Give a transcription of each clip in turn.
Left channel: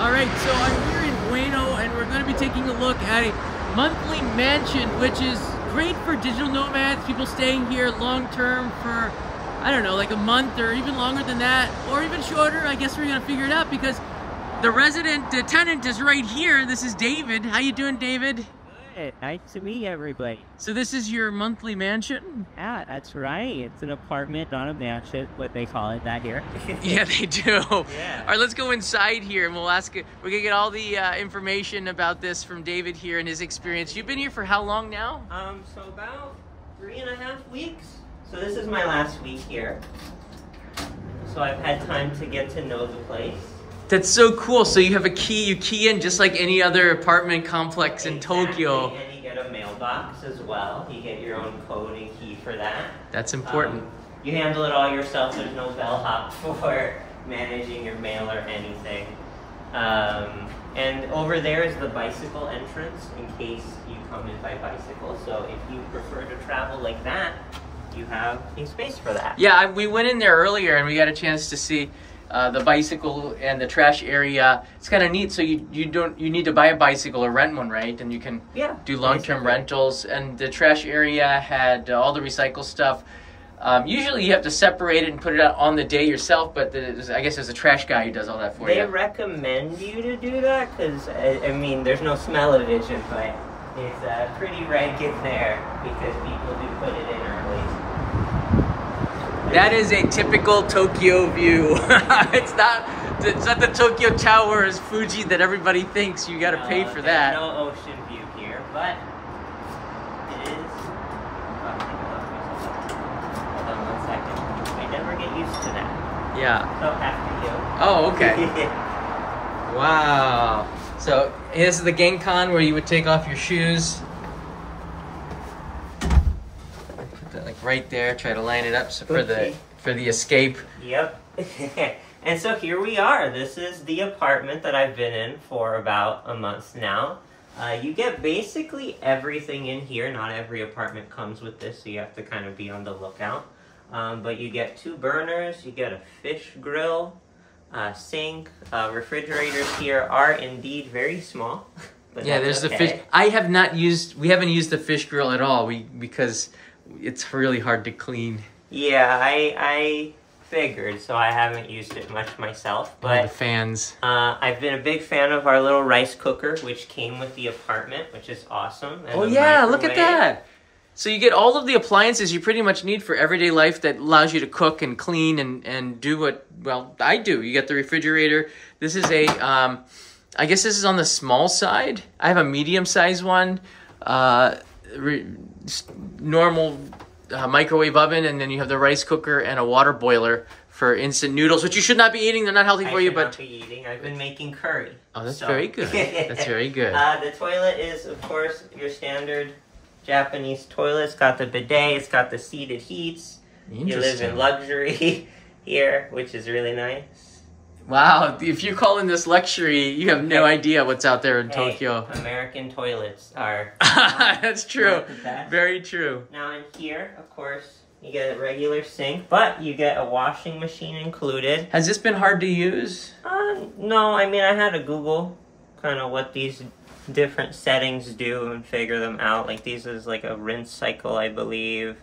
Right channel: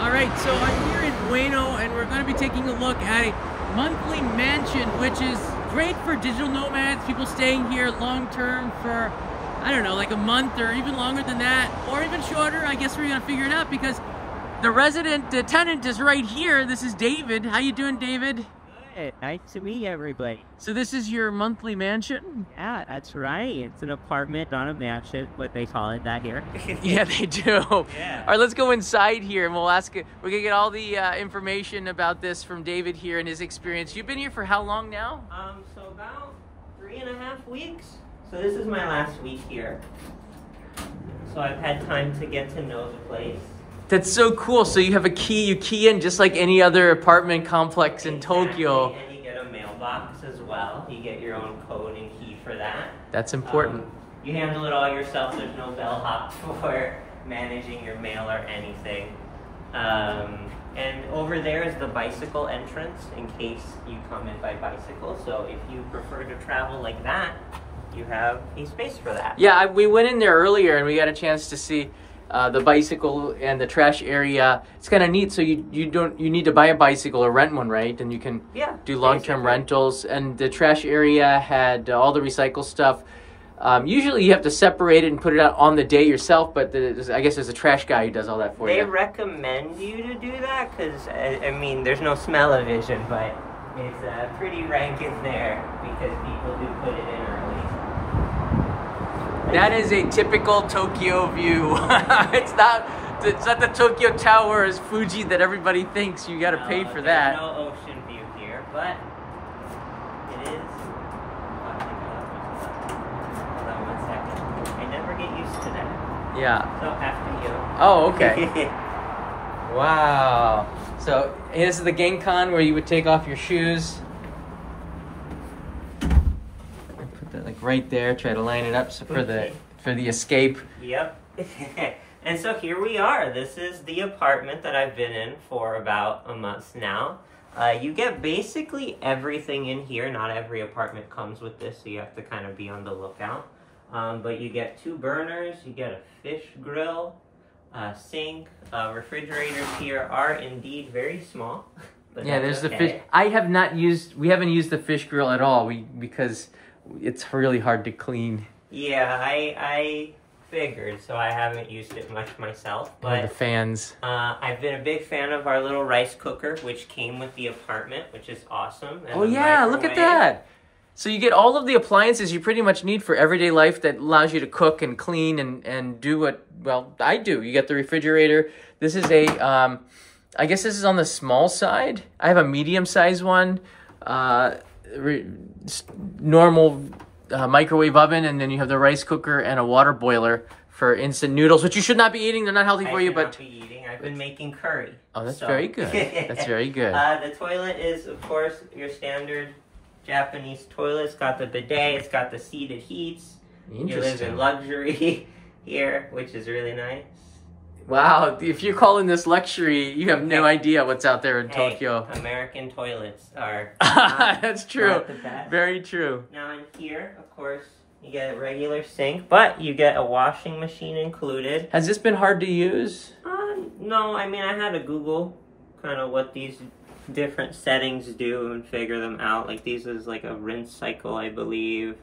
All right, so I'm here in Ueno, and we're going to be taking a look at a monthly mansion, which is great for digital nomads, people staying here long term for, I don't know, like a month or even longer than that, or even shorter. I guess we're going to figure it out because the tenant is right here. This is David. How you doing, David? Good. Nice to meet everybody. So this is your monthly mansion? Yeah, that's right. It's an apartment, not a mansion, what they call it that here. Yeah, they do. Yeah. All right, let's go inside here and we'll ask it. We're gonna get all the information about this from David here and his experience. You've been here for how long now? So about 3.5 weeks. So this is my last week here. So I've had time to get to know the place. That's so cool. So you have a key, you key in just like any other apartment complex in Tokyo. And you get a mailbox as well. You get your own code and key for that. That's important. You handle it all yourself. There's no bellhop for managing your mail or anything. And over there is the bicycle entrance in case you come in by bicycle. So if you prefer to travel like that, you have a space for that. Yeah, we went in there earlier and we got a chance to see the bicycle and the trash area. It's kind of neat. So you need to buy a bicycle or rent one, right? And you can do long-term rentals. And the trash area had all the recycle stuff. Usually you have to separate it and put it out on the day yourself, but I guess there's a trash guy who does all that for you. They recommend you to do that because, I mean, there's no smell-o-vision, but it's pretty rank in there because people do put it in early. That is a typical Tokyo view. It's not the Tokyo Towers, Fuji that everybody thinks. You got to pay for that. No ocean view here, but it is. Hold on 1 second. I never get used to that. Yeah. So after you. Oh, okay. Wow. So this is the Genkan where you would take off your shoes. Like right there, try to line it up so for the escape. Yep. And so here we are. This is the apartment that I've been in for about a month now. You get basically everything in here. Not every apartment comes with this, so you have to kind of be on the lookout. But you get 2 burners, you get a fish grill, sink, refrigerators here are indeed very small. Yeah, there's the fish. We haven't used the fish grill at all because it's really hard to clean. Yeah, I figured, so I haven't used it much myself. But the fans. I've been a big fan of our little rice cooker, which came with the apartment, which is awesome. And oh yeah, look at that. So you get all of the appliances you pretty much need for everyday life that allows you to cook and clean and do what, well, I do. You get the refrigerator. This is I guess this is on the small side. I have a medium-sized one. Normal microwave oven, and then you have the rice cooker and a water boiler for instant noodles, which you should not be eating. They're not healthy for you, but I've been making curry. Oh, that's very good. That's very good. The toilet is, of course, your standard Japanese toilet. It's got the bidet. It's got the seated heats. You live in luxury here, which is really nice. Wow, if you're calling this luxury, you have no idea what's out there in Tokyo. American toilets are... That's true. Very true. Now in here, of course, you get a regular sink, but you get a washing machine included. Has this been hard to use? No, I mean, I had to Google kind of what these different settings do and figure them out. Like, these is like a rinse cycle, I believe.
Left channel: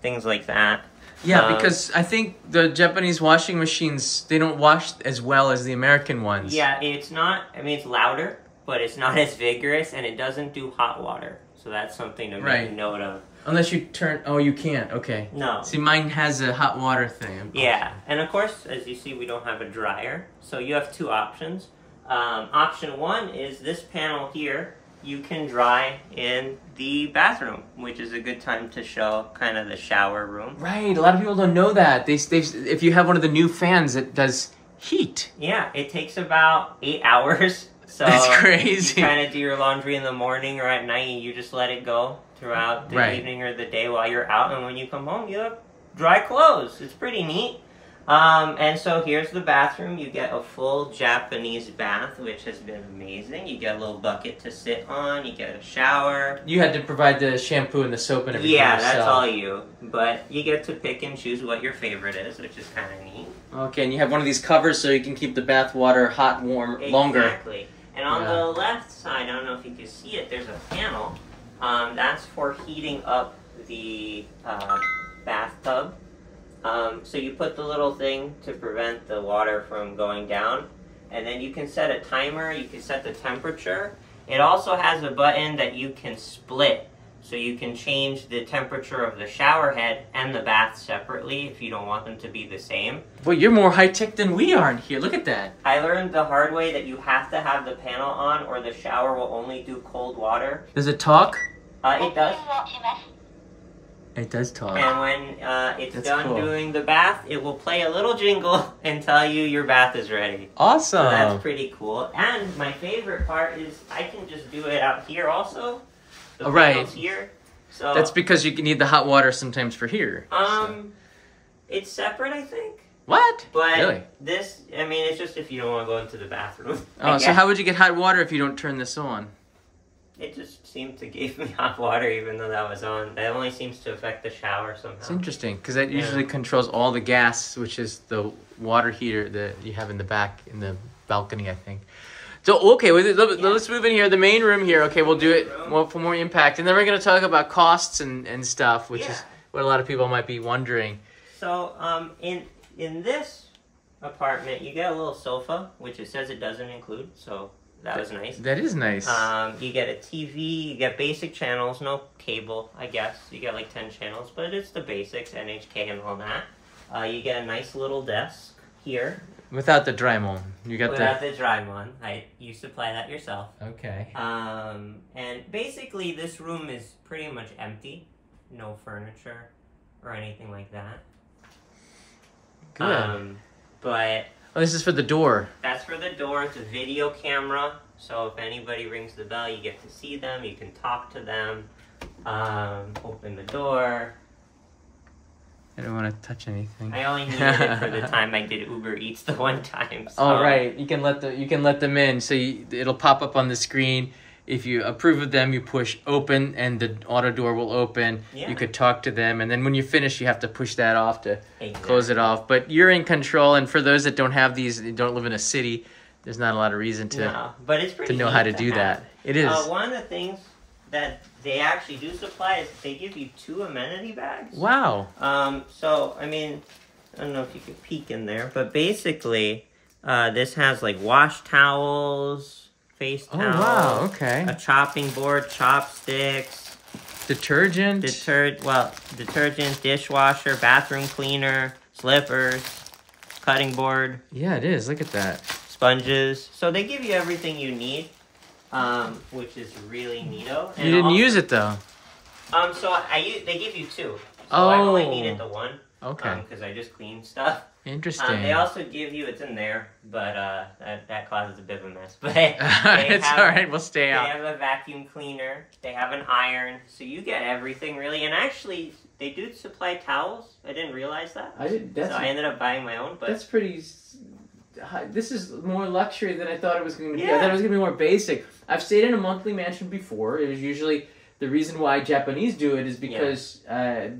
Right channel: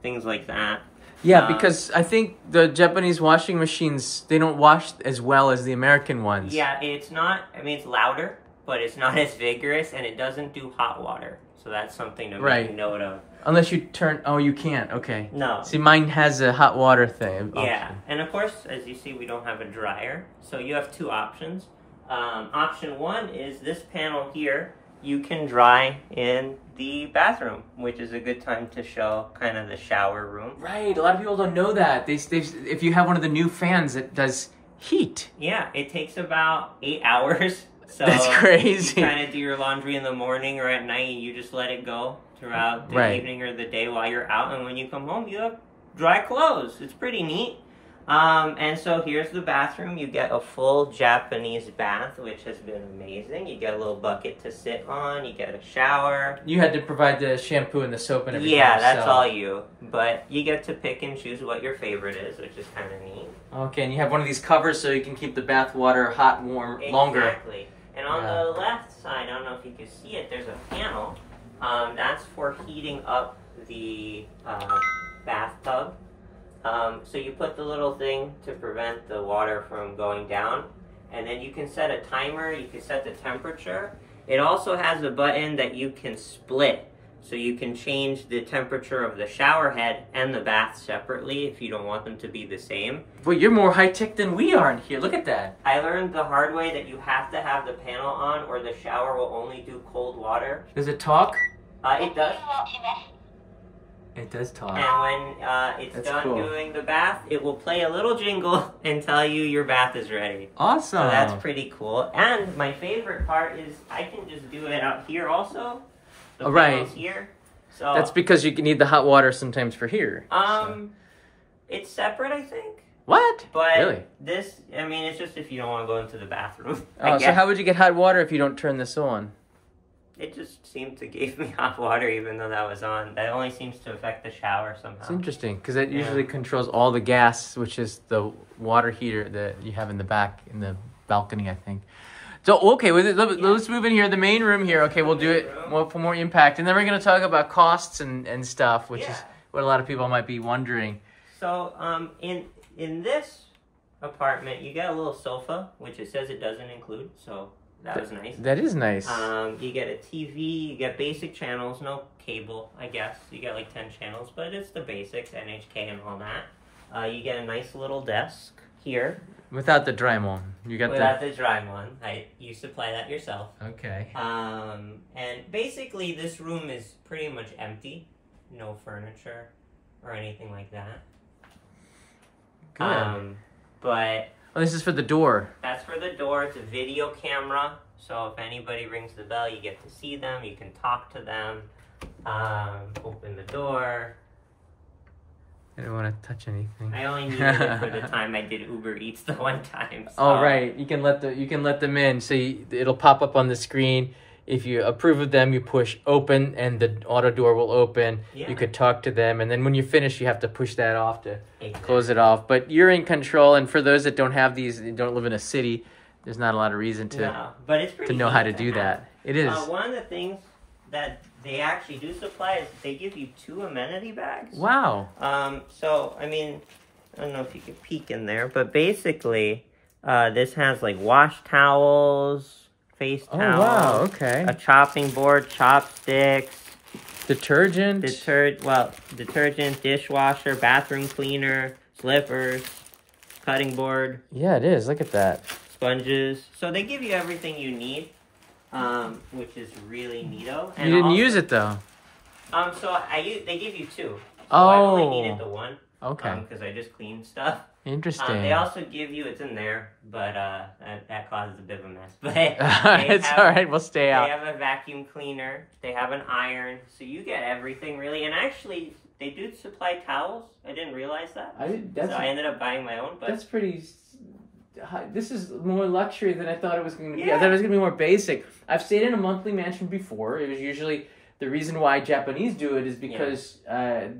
Things like that. Yeah, because I think the Japanese washing machines, they don't wash as well as the American ones. Yeah, it's not, I mean, it's louder, but it's not as vigorous, and it doesn't do hot water. So that's something to make note of. Unless you turn, oh, you can't, okay. No. See, mine has a hot water thing. Yeah, and of course, as you see, we don't have a dryer. So you have 2 options. Option 1 is this panel here. You can dry in the bathroom, which is a good time to show kind of the shower room. Right, a lot of people don't know that. If you have one of the new fans that does heat. Yeah, it takes about 8 hours. So that's crazy. You kind of do your laundry in the morning or at night, and you just let it go throughout the evening or the day while you're out. And when you come home, you have dry clothes. It's pretty neat. And so here's the bathroom. You get a full Japanese bath, which has been amazing. You get a little bucket to sit on. You get a shower. You had to provide the shampoo and the soap and everything Yeah, yourself. that's all you. But you get to pick and choose what your favorite is, which is kind of neat. Okay, and you have one of these covers so you can keep the bath water hot, warm, longer. Exactly. And on the left side, I don't know if you can see it, there's a panel. That's for heating up the bathtub. So you put the little thing to prevent the water from going down, and then you can set a timer, you can set the temperature. It also has a button that you can split, so you can change the temperature of the shower head and the bath separately if you don't want them to be the same. Well, you're more high-tech than we are in here. Look at that. I learned the hard way that you have to have the panel on or the shower will only do cold water. Does it talk? It does. It does talk. And when it's That's done cool. doing the bath, it will play a little jingle and tell you your bath is ready. Awesome. So that's pretty cool. And my favorite part is I can just do it out here also. The panel's here. So That's because you need the hot water sometimes for here. it's separate, I think. What? But Really? this, I mean, it's just if you don't want to go into the bathroom. Oh, so how would you get hot water if you don't turn this on? It just seemed to give me hot water even though that was on. That only seems to affect the shower somehow. It's interesting because that usually controls all the gas, which is the water heater that you have in the back in the balcony, I think. So, okay, let's move in here. The main room here. Okay, we'll do it for more impact. And then we're going to talk about costs and stuff, which is what a lot of people might be wondering. So, in this apartment, you get a little sofa, which it says it doesn't include, so that was nice. That is nice. You get a TV, you get basic channels, no cable, I guess. You get like 10 channels, but it's the basics, NHK and all that. You get a nice little desk here. Without the dry one. Without the dry one. You supply that yourself. Okay. And basically this room is pretty much empty. No furniture or anything like that. Good. But Oh, this is for the door. that's for the door. It's a video camera. So if anybody rings the bell, you get to see them. You can talk to them. Open the door. I don't want to touch anything. I only needed it for the time I did Uber Eats the one time. So. Oh, right. You can let them in. So it'll pop up on the screen. If you approve of them, you push open, and the auto door will open. Yeah. You could talk to them, and then when you finish, you have to push that off to close it off. But you're in control, and for those that don't have these, don't live in a city, there's not a lot of reason but it's pretty to know how to do that. It is. One of the things that they actually do supply is they give you 2 amenity bags. Wow. So, I mean, I don't know if you could peek in there, but basically, this has like wash towels, face towels. Oh, wow. Okay. A chopping board, chopsticks. Detergent. Detergent, dishwasher, bathroom cleaner, slippers, cutting board. Yeah, it is. Look at that. Sponges. So they give you everything you need, which is really neato. And You didn't use it, though. So they give you 2. So Oh. I only needed the 1. Okay. Because I just cleaned stuff. Interesting. They also give you, it's in there, but that causes a bit of a mess. But It's all right. We'll stay out. They have a vacuum cleaner. They have an iron. So you get everything, really. And actually, they do supply towels. I didn't realize that. So I ended up buying my own. But That's pretty... This is more luxury than I thought it was going to be. I thought it was going to be more basic. I've stayed in a monthly mansion before. It was usually... The reason why Japanese do it is because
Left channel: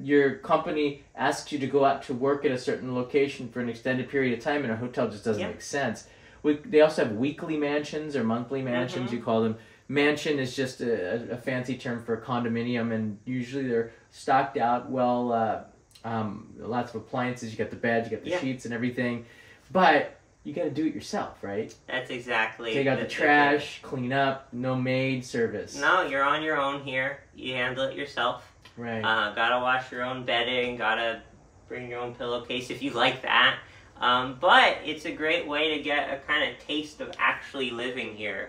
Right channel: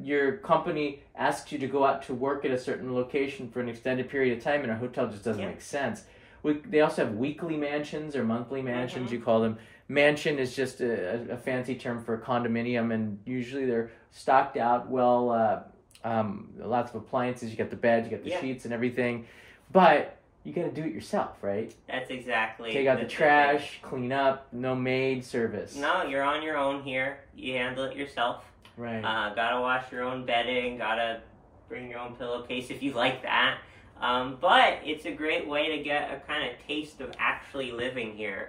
your company asks you to go out to work at a certain location for an extended period of time, and a hotel just doesn't make sense. They also have weekly mansions or monthly mansions, you call them. Mansion is just a fancy term for a condominium, and usually they're stocked out well, lots of appliances. You got the bed, you got the sheets and everything. But you got to do it yourself, right? That's exactly. Take out the trash, clean up, no maid service. No, you're on your own here. You handle it yourself. Right. Gotta wash your own bedding. Gotta bring your own pillowcase if you like that. But it's a great way to get a kind of taste of actually living here.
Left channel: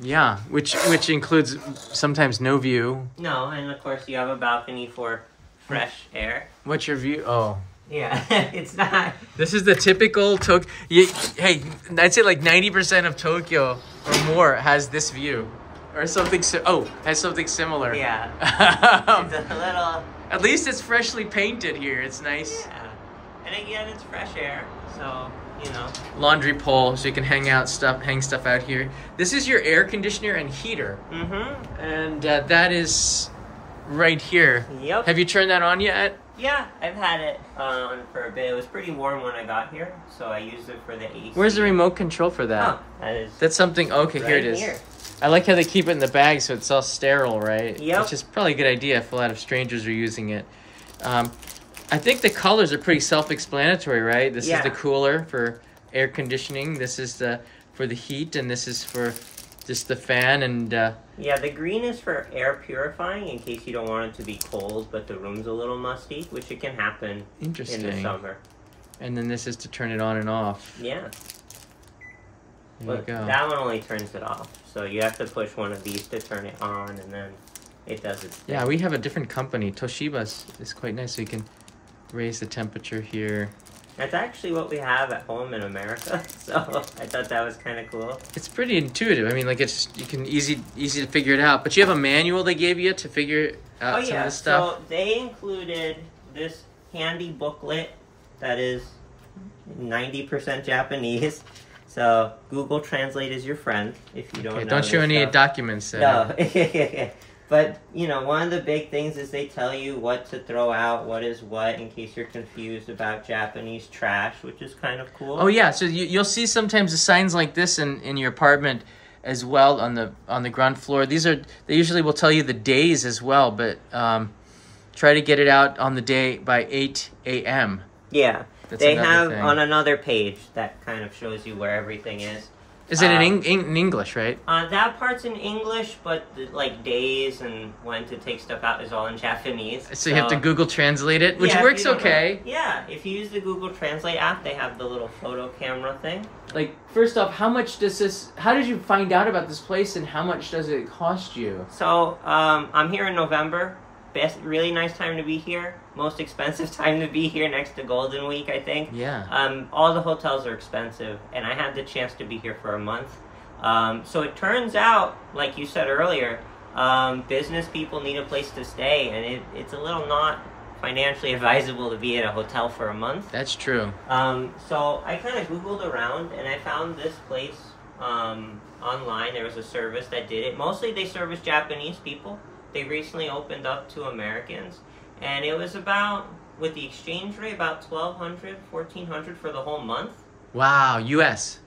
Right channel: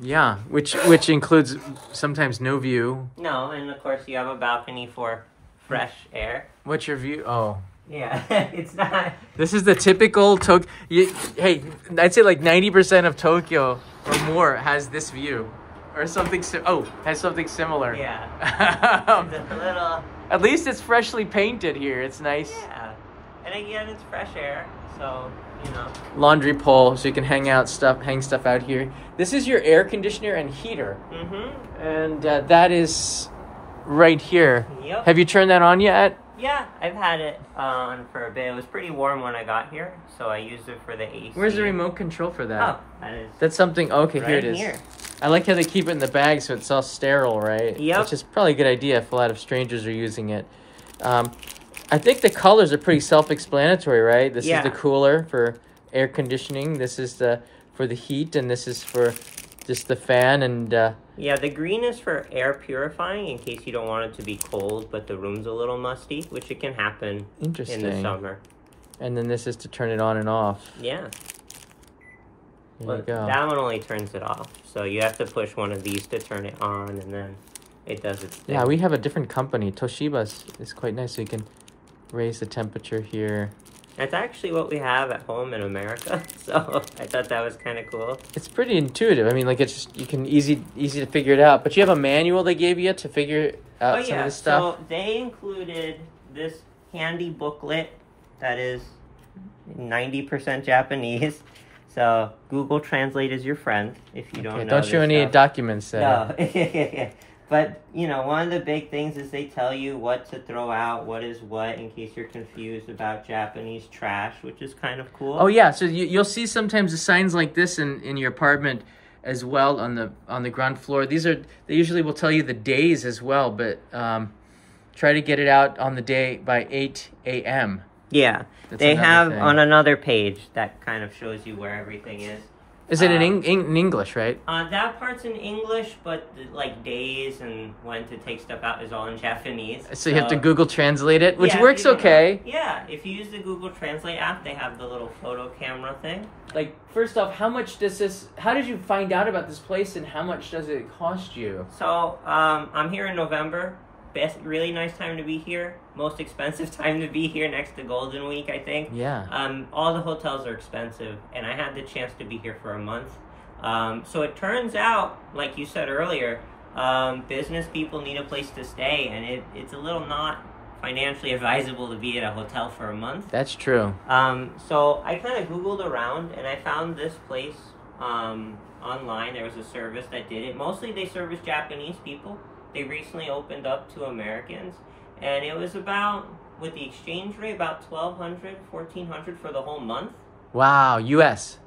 Yeah, which includes sometimes no view. No, and of course you have a balcony for fresh air. What's your view? Oh. Yeah, it's not. This is the typical Tokyo. Hey, I'd say like 90% of Tokyo or more has this view, or something. Has something similar. Yeah. It's a little. At least it's freshly painted here. It's nice. Yeah. And again, it's fresh air, so, you know. Laundry pole, so you can hang stuff out here. This is your air conditioner and heater. Mm-hmm. And that is right here. Yep. Have you turned that on yet? Yeah, I've had it on for a bit. It was pretty warm when I got here, so I used it for the AC. Where's the remote control for that? Oh, that's something. Okay, right here it is. Here. I like how they keep it in the bag so it's all sterile, right? Yep. Which is probably a good idea if a lot of strangers are using it. I think the colors are pretty self-explanatory, right? This is the cooler for air conditioning. This is for the heat, and this is for just the fan. And yeah, the green is for air purifying in case you don't want it to be cold, but the room's a little musty, which it can happen in the summer. And then this is to turn it on and off. Yeah. There you go. That one only turns it off, so you have to push one of these to turn it on, and then it does its thing. Yeah, we have a different company. Toshiba's is quite nice, so you can raise the temperature here. That's actually what we have at home in America, so I thought that was kind of cool. It's pretty intuitive. I mean, like you can easy to figure it out. But you have a manual they gave you to figure out some of this stuff. So they included this handy booklet that is 90% Japanese. So Google Translate is your friend if you don't know. Don't show any documents there. No. But, you know, one of the big things is they tell you what to throw out, what is what, in case you're confused about Japanese trash, which is kind of cool. Oh, yeah. So you'll see sometimes the signs like this in your apartment as well on the ground floor. They usually will tell you the days as well, but try to get it out on the day by 8 a.m. Yeah. They have on another page that kind of shows you where everything is. Is it in English, right? That part's in English, but like days and when to take stuff out is all in Japanese. So you have to Google Translate it, which works okay. Yeah, if you use the Google Translate app, they have the little photo camera thing. Like, first off, how did you find out about this place and how much does it cost you? So, I'm here in November. Really nice time to be here. Most expensive time to be here next to Golden Week, I think. Yeah. All the hotels are expensive, and I had the chance to be here for a month. So it turns out, like you said earlier, business people need a place to stay, and it's a little not financially advisable to be at a hotel for a month. That's true. So I kind of Googled around, and I found this place online. There was a service that did it. Mostly they service Japanese people. They recently opened up to Americans, and it was about, with the exchange rate, about $1,200, $1,400 for the whole month. Wow, U.S.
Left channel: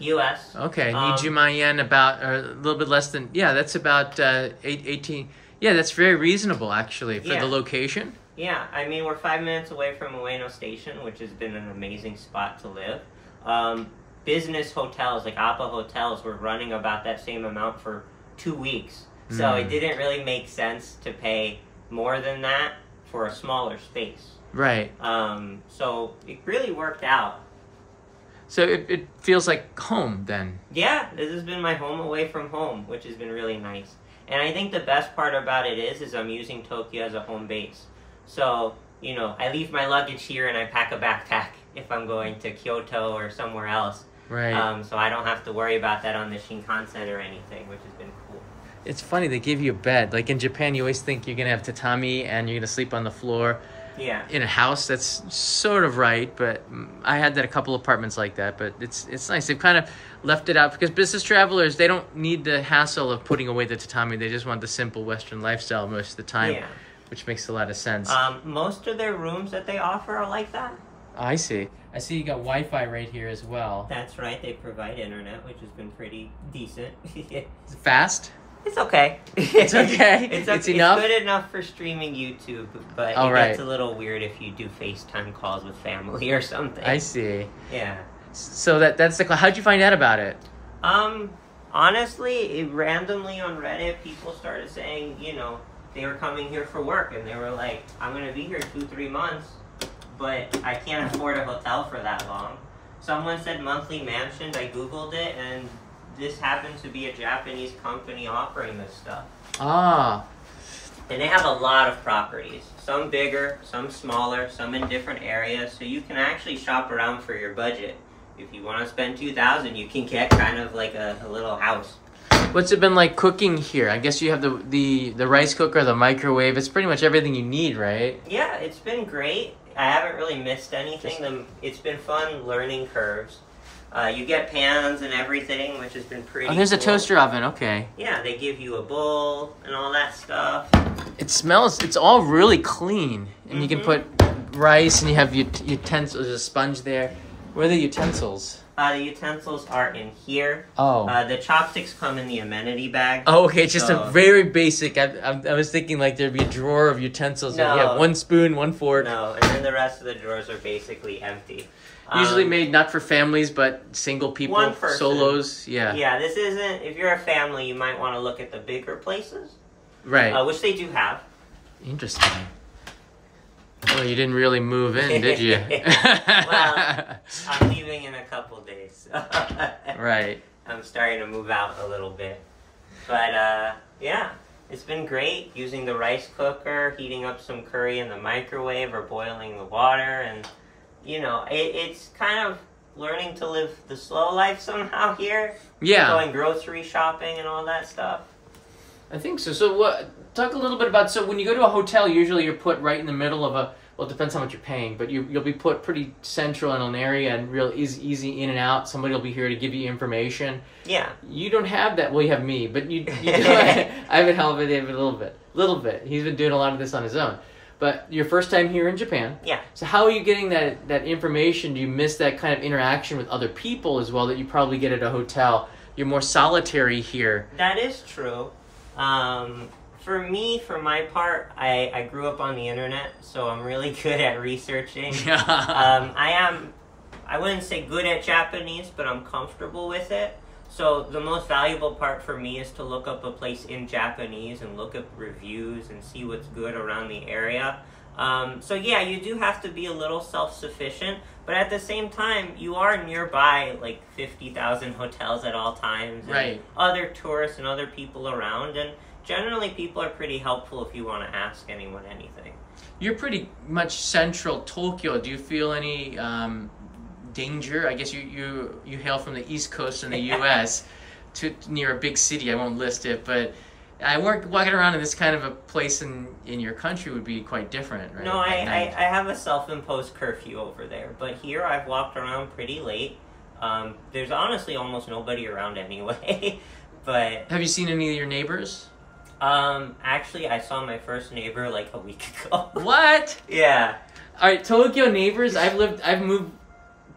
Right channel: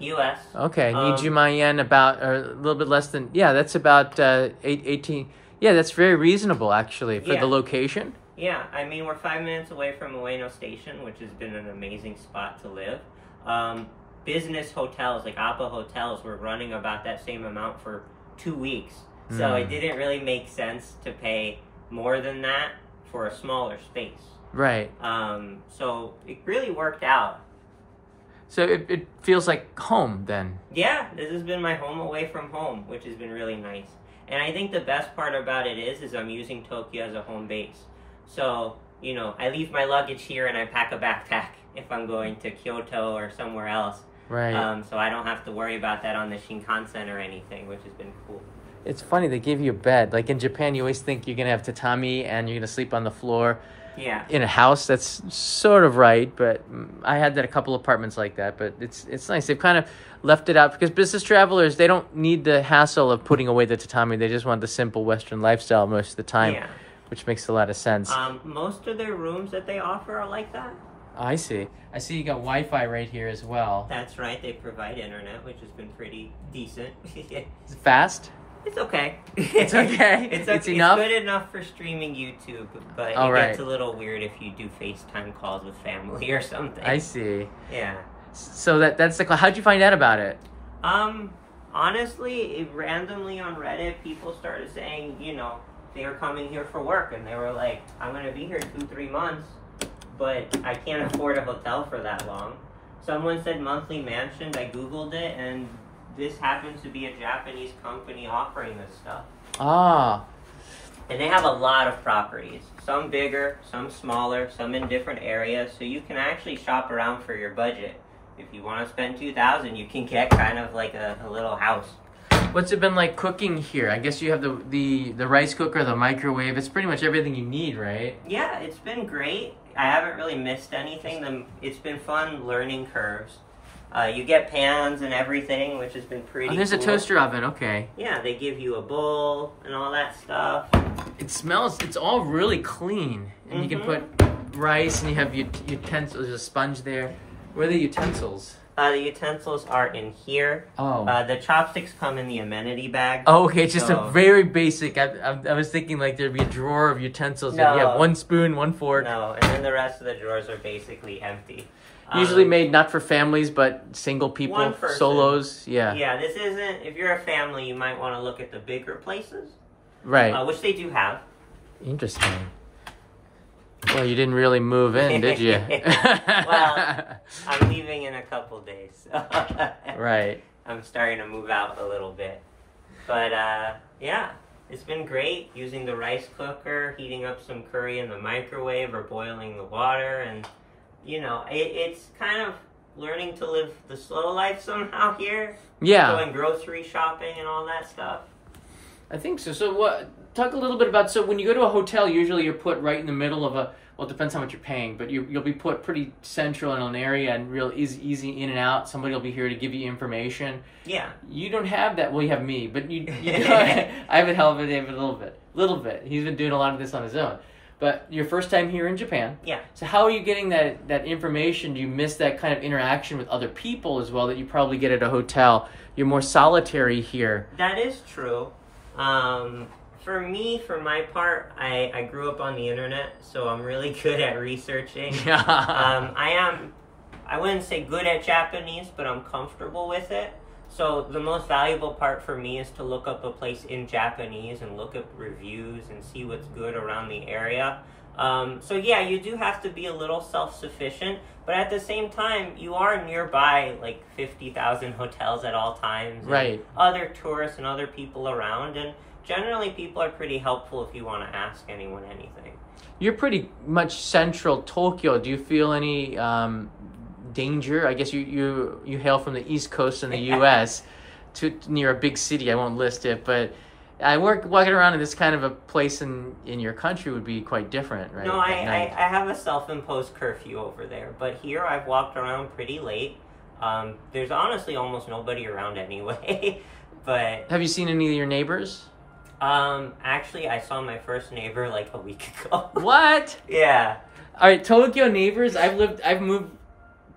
U.S. Okay, Nijima yen about, or a little bit less than, yeah, that's about 18. Yeah, that's very reasonable, actually, for the location. Yeah, I mean, we're 5 minutes away from Ueno Station, which has been an amazing spot to live. Business hotels, like APA hotels, were running about that same amount for 2 weeks. So it didn't really make sense to pay more than that for a smaller space. Right. So it really worked out. So it feels like home then. Yeah, this has been my home away from home, which has been really nice. And I think the best part about it is I'm using Tokyo as a home base. So, you know, I leave my luggage here and I pack a backpack if I'm going to Kyoto or somewhere else. Right. So I don't have to worry about that on the Shinkansen or anything, which has been cool. It's funny, they give you a bed. Like in Japan, you always think you're going to have tatami and you're going to sleep on the floor. Yeah. In a house, that's sort of right, but I had that a couple apartments like that, but it's nice. They've kind of left it out because business travelers, they don't need the hassle of putting away the tatami. They just want the simple Western lifestyle most of the time, which makes a lot of sense. Most of their rooms that they offer are like that. I see. I see you got Wi-Fi right here as well. That's right. They provide internet, which has been pretty decent. Is it fast? It's okay. It's okay. It's enough. It's good enough for streaming YouTube, but it gets a little weird if you do FaceTime calls with family or something. I see. Yeah. So that's the. How'd you find out about it? Honestly, randomly on Reddit, people started saying, you know, they were coming here for work, and they were like, "I'm gonna be here 2-3 months, but I can't afford a hotel for that long." Someone said monthly mansion. I Googled it, and this happens to be a Japanese company offering this stuff. Ah. And they have a lot of properties. Some bigger, some smaller, some in different areas. So you can actually shop around for your budget. If you want to spend $2,000, you can get kind of like a little house. What's it been like cooking here? I guess you have the rice cooker, the microwave. It's pretty much everything you need, right? Yeah, it's been great. I haven't really missed anything. It's been fun learning curves. You get pans and everything, which has been pretty there's cool. a toaster oven, okay. Yeah, they give you a bowl and all that stuff. It smells, it's all really clean. And you can put rice and you have utensils, there's a sponge there. Where are the utensils? The utensils are in here. Oh. The chopsticks come in the amenity bag. Oh, okay, it's just a very basic. I was thinking like there'd be a drawer of utensils. No. You have one spoon, one fork. No, and then the rest of the drawers are basically empty. Usually made not for families, but single people, one person. Solos. Yeah. Yeah, this isn't. If you're a family, you might want to look at the bigger places. Right. Which they do have. Interesting. Well, you didn't really move in, did you? Well, I'm leaving in a couple days. Right. I'm starting to move out a little bit. But, yeah, it's been great using the rice cooker, heating up some curry in the microwave or boiling the water. And, you know, it's kind of learning to live the slow life somehow here. Yeah. Going grocery shopping and all that stuff. I think so. So talk a little bit about, so when you go to a hotel, usually you're put right in the middle of well, it depends how much you're paying, but you'll be put pretty central in an area and real easy in and out. Somebody will be here to give you information. Yeah. You don't have that. Well, you have me, but you I've been helping David a little bit. He's been doing a lot of this on his own. But your first time here in Japan. Yeah. So how are you getting that information? Do you miss that kind of interaction with other people as well that you probably get at a hotel? You're more solitary here. That is true. For me, for my part, I grew up on the internet, so I'm really good at researching. I wouldn't say good at Japanese, but I'm comfortable with it. So the most valuable part for me is to look up a place in Japanese and look up reviews and see what's good around the area. So yeah, you do have to be a little self-sufficient, but at the same time, you are nearby like 50,000 hotels at all times. And right. Other tourists and other people around, and generally people are pretty helpful if you want to ask anyone anything. You're pretty much central Tokyo. Do you feel any danger? I guess you hail from the East Coast in the U.S. to near a big city. I won't list it, but walking around in this kind of a place in your country would be quite different, right? No, I have a self-imposed curfew over there, but here I've walked around pretty late. There's honestly almost nobody around anyway. But have you seen any of your neighbors? Actually, I saw my first neighbor like a week ago. What? Yeah. All right, Tokyo neighbors. I've moved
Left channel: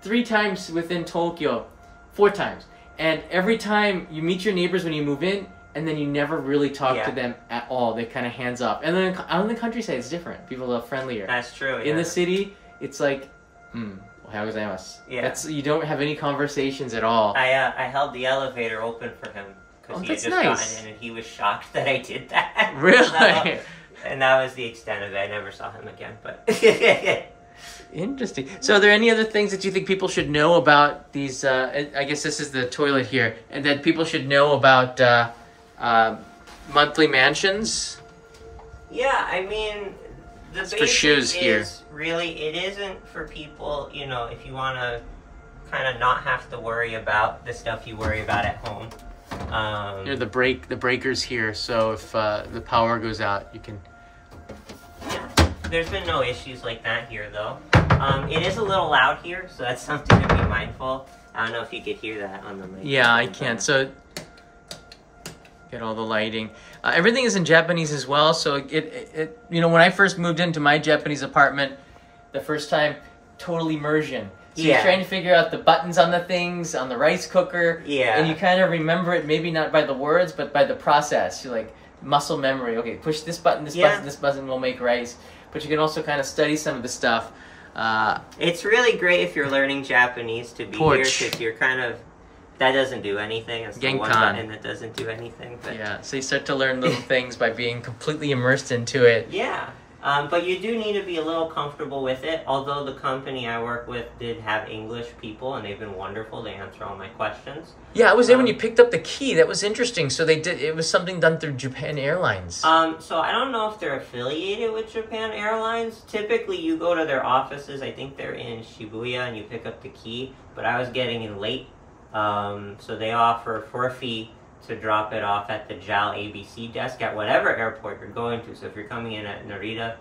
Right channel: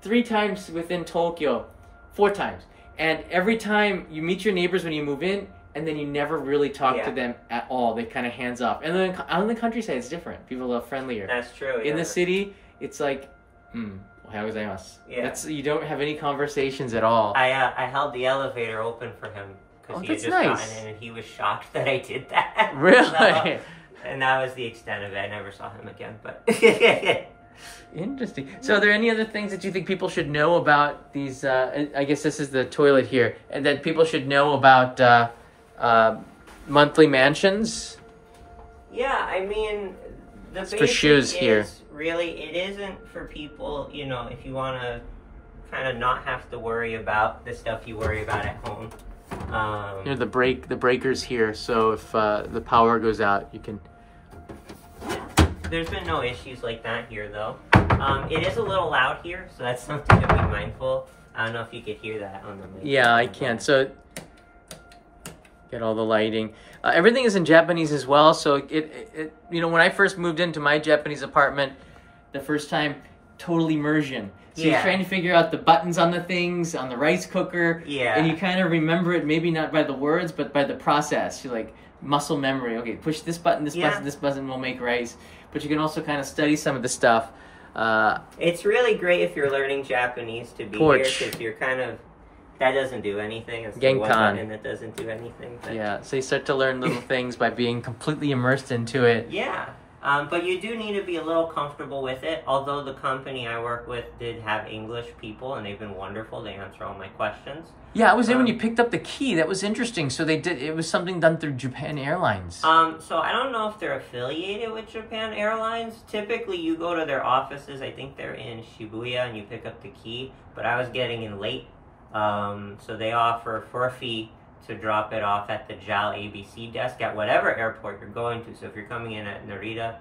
3 times within Tokyo, 4 times, and every time you meet your neighbors when you move in, and then you never really talk to them at all. They kind of hands off. And then out in the countryside, it's different. People are a little friendlier. That's true. In the city, it's like, ohayou gozaimasu. Yeah. You don't have any conversations at all. I held the elevator open for him because he had just gotten in, and he was shocked that I did that. Really? And that was the extent of it. I never saw him again. But interesting. So are there any other things that you think people should know about these, I guess this is the toilet here, and that people should know about monthly mansions? Yeah, I mean, the basic for shoes here. Really, it isn't for people, you know, if you want to kind of not have to worry about the stuff you worry about at home. The breakers here, so if the power goes out, you can... Yeah, there's been no issues like that here, though. It is a little loud here, so that's something to be mindful. I don't know if you could hear that on the mic. Yeah, I can. So, get all the lighting. Everything is in Japanese as well, so it when I first moved into my Japanese apartment, the first time, total immersion. So you're trying to figure out the buttons on the things, on the rice cooker, and you kind of remember it, maybe not by the words, but by the process. You're like, muscle memory. Okay, push this button, this button will make rice. But you can also kind of study some of the stuff. It's really great if you're learning Japanese to be here, because you're kind of... That doesn't do anything. It's the one button that doesn't do anything. But... Yeah, so you start to learn little things by being completely immersed into it. Yeah, but you do need to be a little comfortable with it, although the company I work with did have English people, and they've been wonderful. They answer all my questions. Yeah, I was there when you picked up the key. That was interesting. So it was something done through Japan Airlines. So I don't know if they're affiliated with Japan Airlines. Typically, you go to their offices. I think they're in Shibuya, and you pick up the key. But I was getting in late. So they offer for a fee to drop it off at the JAL ABC desk at whatever airport you're going to. So if you're coming in at Narita,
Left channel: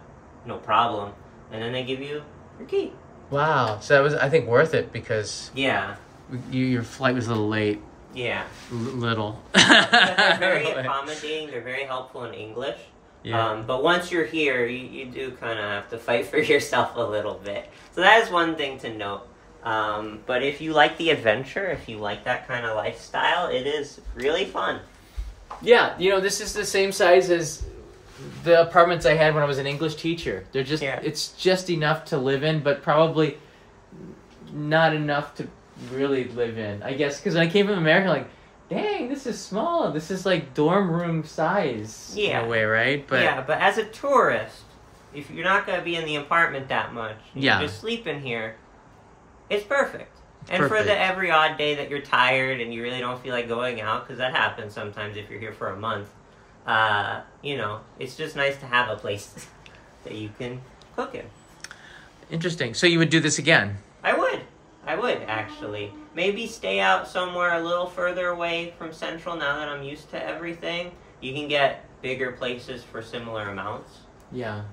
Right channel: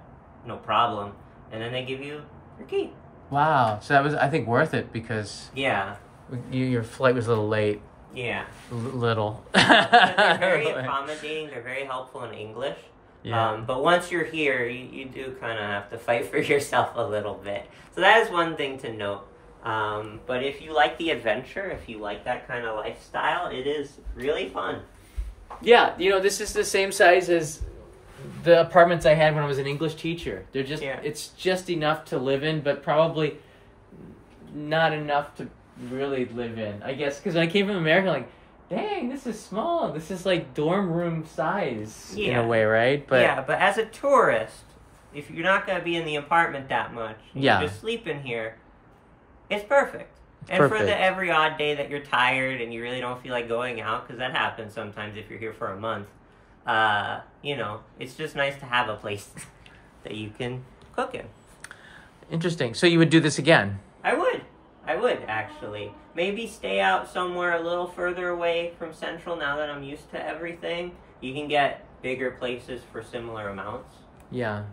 no problem. And then they give you Okay. Wow. So that was, I think, worth it because Yeah. your flight was a little late. Yeah. Little. But they're very accommodating. They're very helpful in English. Yeah. But once you're here, you do kind of have to fight for yourself a little bit. So that is one thing to note. But if you like the adventure, if you like that kind of lifestyle, it is really fun. Yeah, this is the same size as the apartments I had when I was an English teacher. They're just, it's just enough to live in, but probably not enough to really live in. I guess, because when I came from America, like, dang, this is small. This is like dorm room size in a way, right? But but as a tourist, if you're not going to be in the apartment that much, you just sleep in here, it's perfect. And for the every odd day that you're tired and you really don't feel like going out, because that happens sometimes if you're here for a month, it's just nice to have a place that you can cook in. Interesting. So you would do this again? I would, actually. Maybe stay out somewhere a little further away from Central now that I'm used to everything. You can get bigger places for similar amounts. Yeah.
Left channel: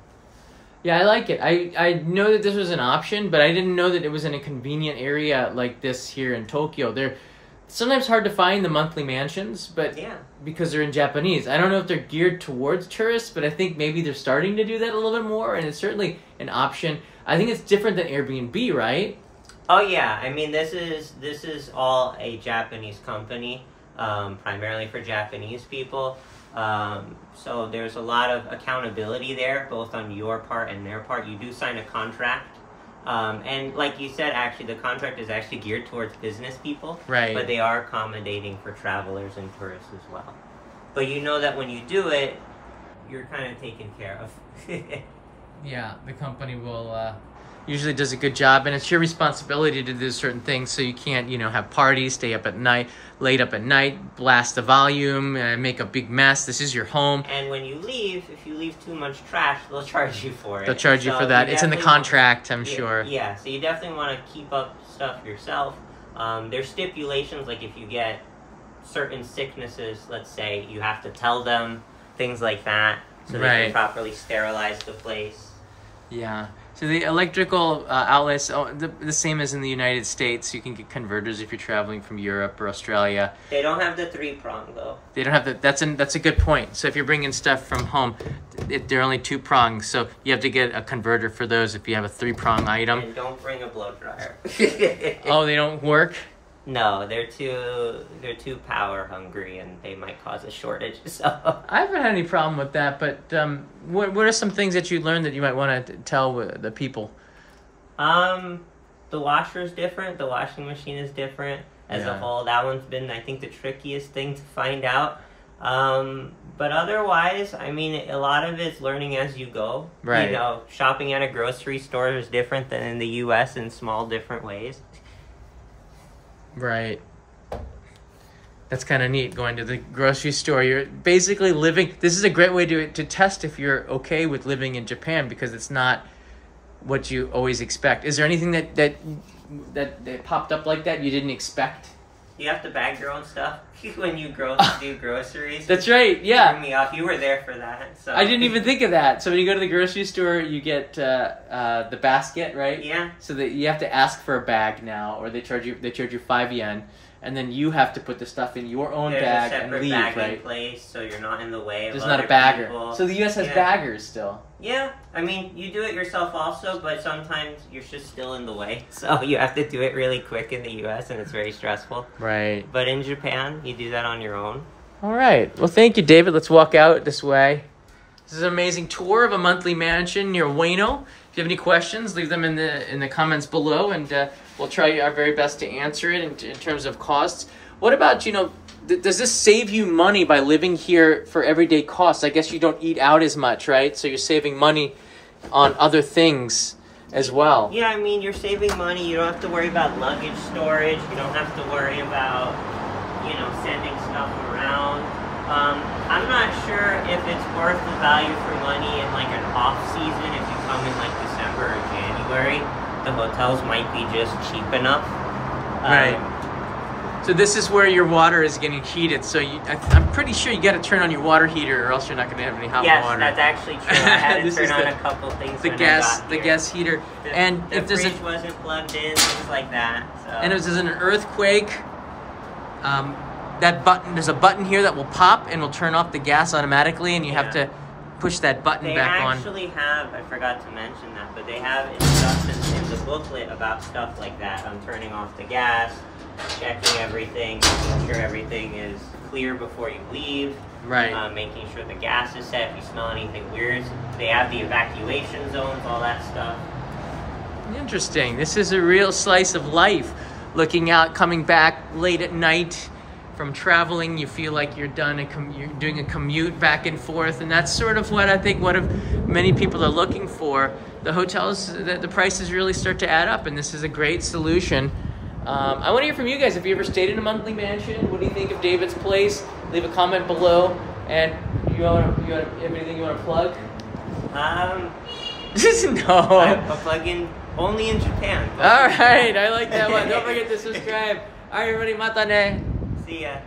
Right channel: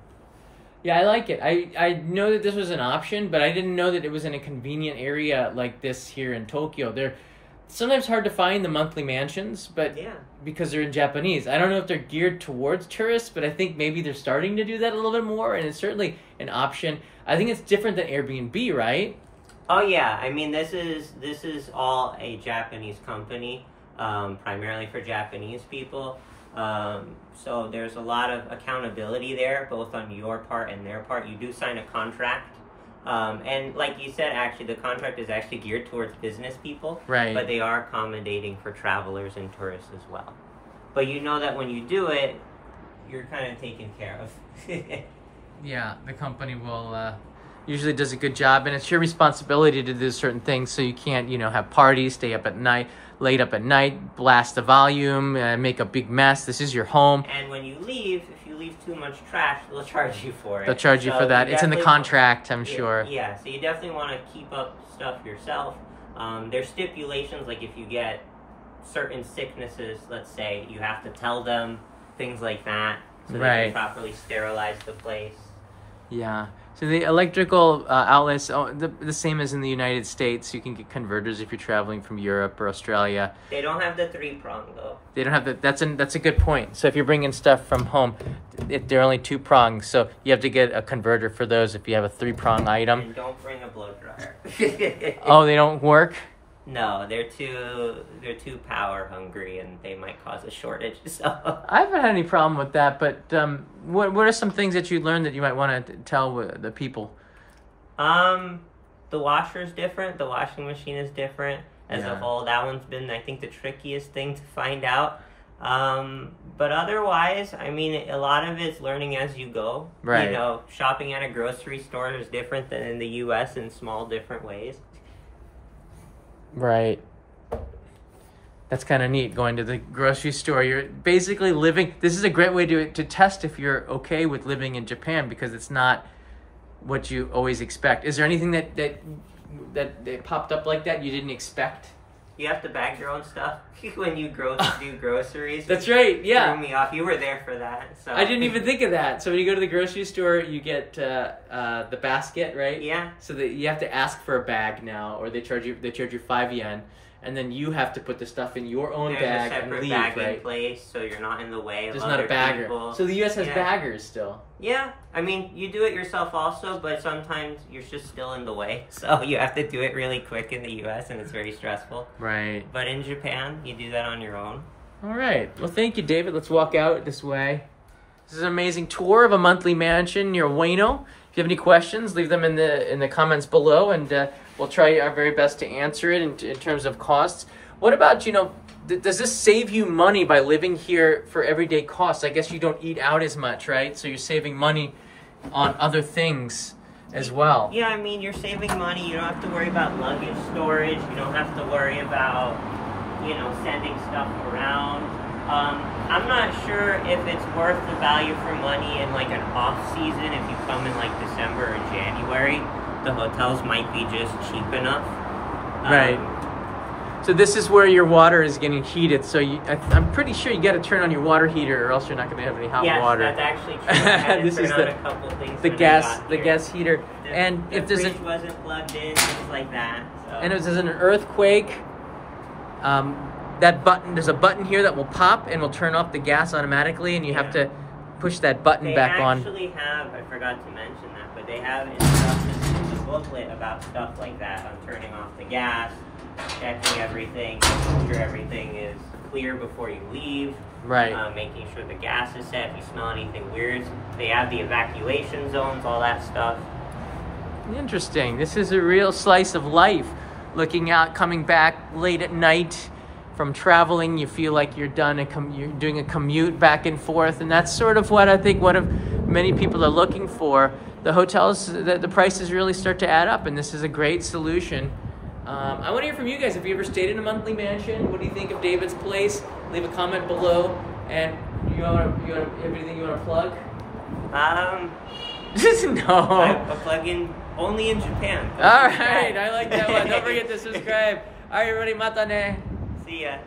Yeah, I like it. I know that this was an option, but I didn't know that it was in a convenient area like this here in Tokyo. They're sometimes hard to find the monthly mansions, but because they're in Japanese. I don't know if they're geared towards tourists, but I think maybe they're starting to do that a little bit more, and it's certainly an option. I think it's different than Airbnb, right? Oh yeah, I mean this is all a Japanese company, primarily for Japanese people. So there's a lot of accountability there, both on your part and their part. You do sign a contract. And like you said, actually, the contract is actually geared towards business people. Right. But they are accommodating for travelers and tourists as well. But you know that when you do it, you're kind of taken care of. Yeah, the company will usually does a good job, and it's your responsibility to do certain things, so you can't, have parties, stay up at night, late up at night, blast the volume, make a big mess. This is your home. And when you leave, if you leave too much trash, they'll charge you for it. They'll charge you for that. It's in the contract, I'm sure. Yeah, so you definitely want to keep up stuff yourself. There's stipulations, like if you get certain sicknesses, let's say, you have to tell them, things like that, so they can properly sterilize the place. Yeah. So the electrical outlets, the same as in the United States. You can get converters if you're traveling from Europe or Australia. They don't have the 3-prong though. They don't have the. That's a good point. So if you're bringing stuff from home, they're only 2 prongs. So you have to get a converter for those if you have a 3-prong item. And don't bring a blow dryer. Oh, they don't work? No, they're too power hungry, and they might cause a shortage. So I haven't had any problem with that. But what are some things that you learned that you might want to tell the people? The washer is different. The washing machine is different as a whole. That one's been, I think, the trickiest thing to find out. But otherwise, I mean, a lot of it's learning as you go. Right. Shopping at a grocery store is different than in the U.S. in small different ways. Right. That's kind of neat, going to the grocery store. You're basically living... This is a great way to test if you're okay with living in Japan, because it's not what you always expect. Is there anything that popped up like that you didn't expect? You have to bag your own stuff when you do groceries. That's right, yeah. Threw me off. You were there for that. So. I didn't even think of that. So when you go to the grocery store, you get the basket, right? Yeah. So that you have to ask for a bag now, or they charge you 5 yen, and then you have to put the stuff in your own bag and leave, bag right? In place, so you're not in the way of There's other not a bagger. people. So the U.S. has baggers still. Yeah, I mean, you do it yourself also, but sometimes you're just still in the way. So you have to do it really quick in the U.S., and it's very stressful. Right. But in Japan, you do that on your own. All right. Well, thank you, David. Let's walk out this way. This is an amazing tour of a monthly mansion near Ueno. If you have any questions, leave them in the comments below, and we'll try our very best to answer it in terms of costs. What about, does this save you money by living here for everyday costs? I guess you don't eat out as much, right? So you're saving money on other things as well. Yeah, I mean, you're saving money. You don't have to worry about luggage storage. You don't have to worry about, sending stuff around. I'm not sure if it's worth the value for money in like an off season. If you come in like December or January, the hotels might be just cheap enough. Right. So this is where your water is getting heated. So I'm pretty sure you got to turn on your water heater, or else you're not going to have any hot water. Yes, that's actually true. I had to turn on a couple things. The gas heater. And if there's fridge wasn't plugged in, things like that. So. And if there's an earthquake, that button, there's a button here that will pop and will turn off the gas automatically, and you have to push that button back on. They actually have, I forgot to mention that, but they have instructions in the booklet about stuff like that, on turning off the gas, checking everything, making sure everything is clear before you leave. Right. Making sure the gas is set. If you smell anything weird, they have the evacuation zones, all that stuff. Interesting. This is a real slice of life. Looking out, coming back late at night from traveling, you feel like you're done. You're doing a commute back and forth, and that's sort of what I think many people are looking for. The hotels, the prices really start to add up, and this is a great solution. I want to hear from you guys. Have you ever stayed in a monthly mansion? What do you think of David's place? Leave a comment below. And you have anything you want to plug? No. I plug in only in Japan. All right, I like that one. Don't forget to subscribe. All right, everybody, mata ne. See ya.